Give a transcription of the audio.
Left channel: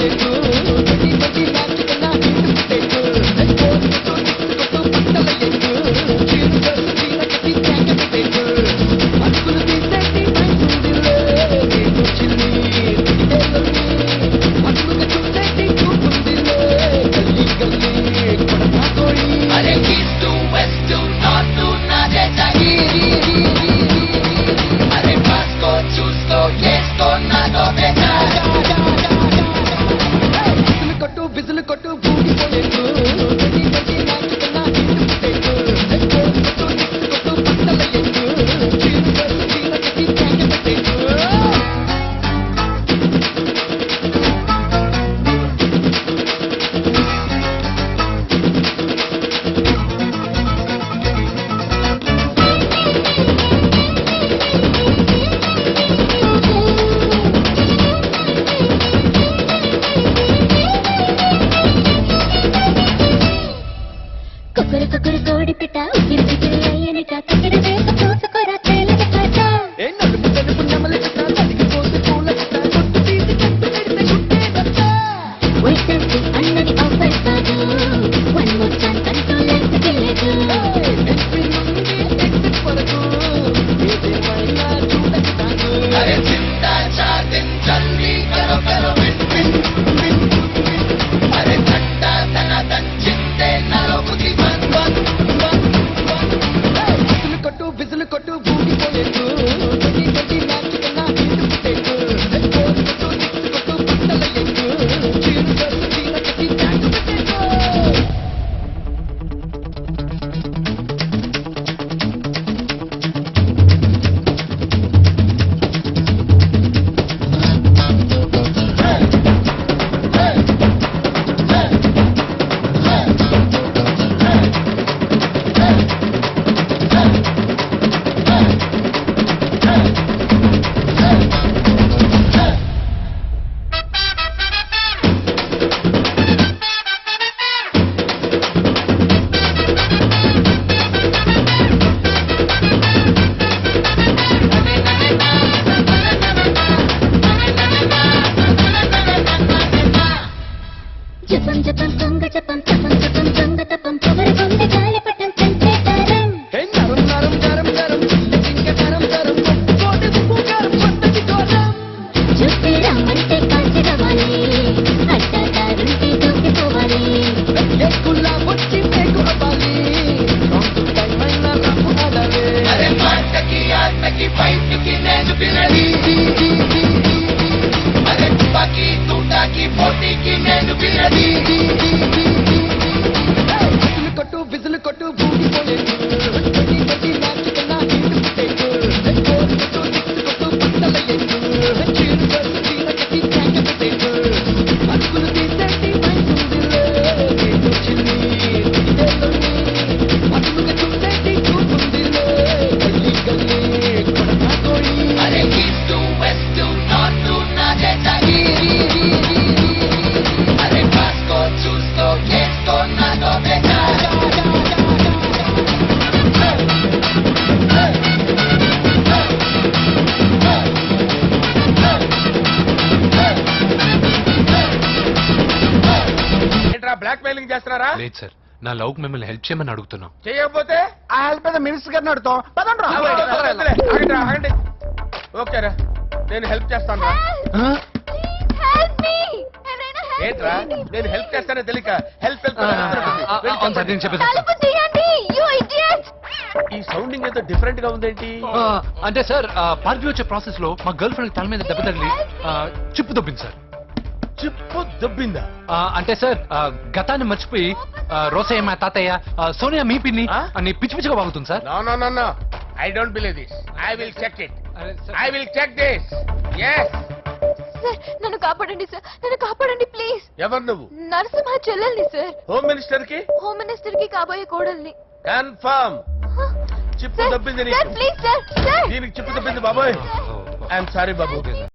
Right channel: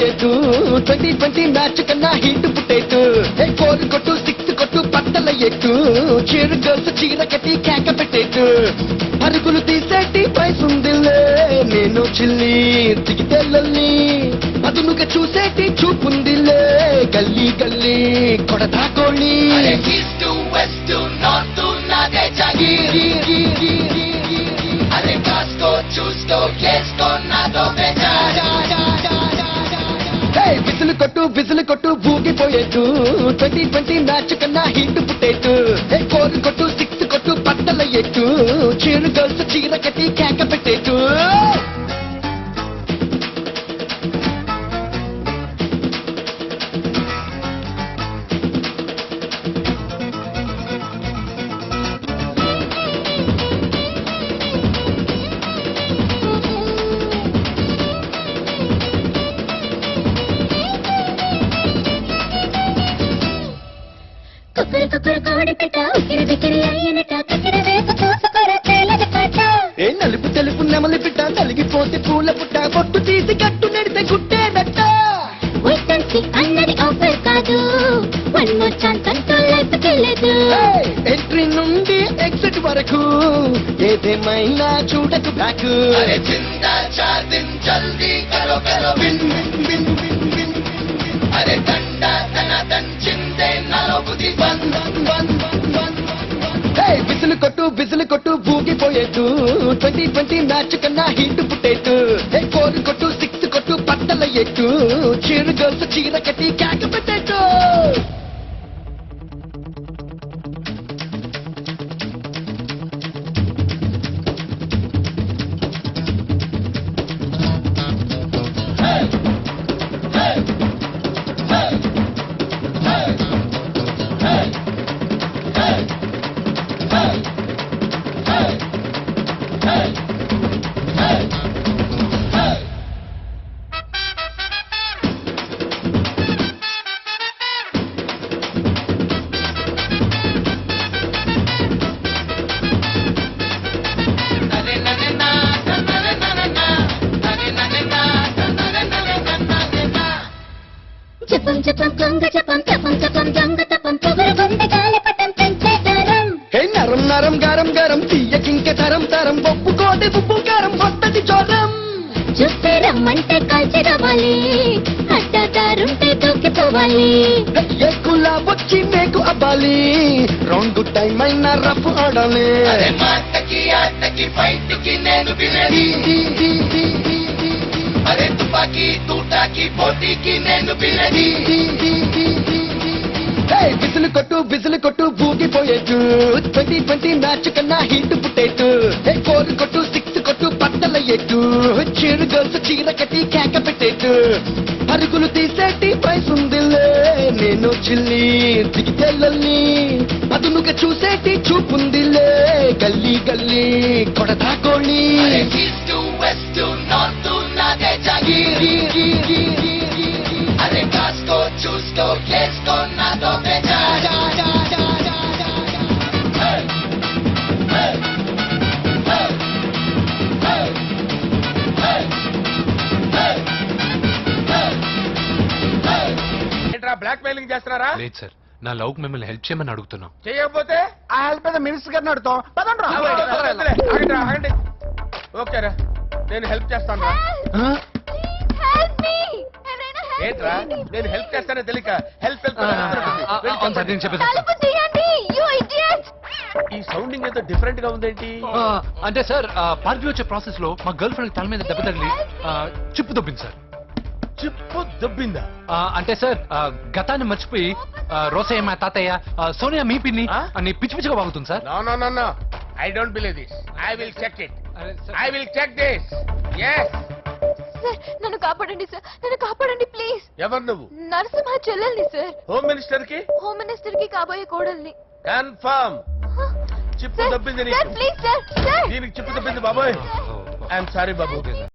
ఊగిపోయేట్టు 2020 match కన్నా hit పుట్టేట్టు goal కొట్టు six కొట్టు పట్టల ఎట్టు చేరు చేస్తూ చీర కట్టి కేక పెట్టేట్టు అరుగులు తీసేటి పైసుందిలే నేను చిల్లి దిగితెల్లల్ని అదునుగా చూసేటి చూపుందిలే గల్లీ గల్లీ కొడతా కోళ్ళి అరే ఈస్ట్ వెస్ట్ నార్త్ నాదే జాగీరి అరే కాస్కో చూస్కో కేస్కో నాదో బెజార్ విసులు కొట్టు ఊగిపోయేట్టు 2020 మ్యాచ్ కన్నా హిట్ పుట్టేట్టు గోల్ కొట్టు సిక్స్ కొట్టు పట్టల ఎట్టు చేరు చేస్తూ చీర కట్టి కేక పెట్టేట్టు కొక్కరు కోడి పెట్ట ఉగిరి బిగిరి అయ్యనట కగిర వేగ చూసుకోరా తేలని పాట ఏ నలుపు తెలుపు నెమలి పిట్ట కలిగిపోతే పూల పిట్ట కొట్టు తీసి కట్టు నెడితే గుట్టేదట్ట వైసంతి అన్నది ఆఫర్ కాదు వన్ మోర్ ఛాన్స్ కంట్రోల్ లైఫ్కి లేదు ఎంట్రీ నుండి ఎగ్జిట్ వరకు ఏదేమైనా చూడకు నాకు అరే జిందా చార్ దిన్ జల్దీ కరో కరో విన్ విన్ విన్ విన్ అరే తండా తన తన్ జిందే నలో బుద్ధి వన్ విసులు కొట్టు ఊగిపోయేట్టు 2020 మ్యాచ్ కన్నా హిట్ పుట్టేట్టు గోల్ కొట్టు సిక్స్ కొట్టు పట్టల ఎట్టు చీరు చేస్తూ చీర కట్టి కేక పెట్టేట్టు జపం జపం దొంగ జపం తపం తపం దొంగ తపం పొగరు గుండె గాలిపటం పెంచేతారం హే నరం నరం గరం గరం చియ్యకింక గరం గరం పప్పు తోటి ఉప్పు కారం కొట్టది చోరం చూస్తే రమ్మంటే కాల్చి రావాలి అడ్డాదారుంటే దూకిపోవాలి ఎక్కులా వచ్చి టేకు అవ్వాలి రౌండ్ టైం అయినా రప్పు ఆడాలి అరే మాటకి ఆటకి ఫైట్కి నేను వినది అరే తుపాకి తూటాకి పోటీకి నేను వినది విసులు కొట్టు ఊగిపోయేట్టు 2020 మ్యాచ్ కన్నా హిట్ పుట్టేట్టు గోల్ కొట్టు సిక్స్ కొట్టు పట్టల ఎట్టు చీరు చేస్తూ చీర కట్టి కేక పెట్టేట్టు అరుగులు తీసేటి పైసుందిలే నేను చిల్లి దిగితెల్లల్ని అదునుగా చూసేటి చూపుందిలే గల్లీ గల్లీ కొడతా కోళ్ళి అరే ఈస్ట్ వెస్ట్ నార్త్ నాదే జాగీరి అరే కాస్కో చూస్కో కేస్కో నాదో బెజార్ ఏంట్రా బ్లాక్ మెయిలింగ్ చేస్తున్నారా? లేదు సార్, నా లవ్ మిమ్మల్ని హెల్ప్ చేయమని అడుగుతున్నాం. చేయకపోతే ఆ హెల్ప్ మీద మినిస్టర్ గారిని అడుగుతాం పదండ్రా. వదిలే, ఆగండి, ఆగండి. ఓకేరా, నేను హెల్ప్ చేస్తాను రా. హెల్ప్ మీ ఎవరైనా ఏంట్రా, నేను హెల్ప్ చేస్తానే తెలియక హెల్ప్ హెల్ప్ అవును సార్, నేను చెప్పేసి తలుపు తీయండి యు ఇడియట్ ఈ సౌండింగ్ ఏదో డిఫరెంట్ గా ఉందేంటి? అంటే సార్ పార్టీ వచ్చే ప్రాసెస్ లో మా గర్ల్ ఫ్రెండ్ తల మీద దెబ్బ తగిలి చిప్పు దొబ్బింది సార్. చిప్పు దొబ్బిందా? అంటే సార్ గతాన్ని మర్చిపోయి రోసయ్య మా తాతయ్య సోనియా మీ పిన్ని అని పిచ్చి పిచ్చిగా వాగుతుంది sir. No no no no, I don't believe this. I will check it. అరే sir. I will check this. yes sir నన్ను కాపాడండి సార్, నన్ను కాపాడండి ప్లీజ్. ఎవరు నువ్వు? నరసింహ చెల్లెల్ని సార్, హోమ్ మినిస్టర్ కి హోమ్ మినిస్టర్ కి కాబోయే కోడల్ని. కన్ఫర్మ్ చిప్పు దొబ్బింది సార్ నీకు. ప్లీజ్ సార్, సార్ దీనికి చిప్పు దొబ్బింది బాబోయ్. I'm sorry Babu.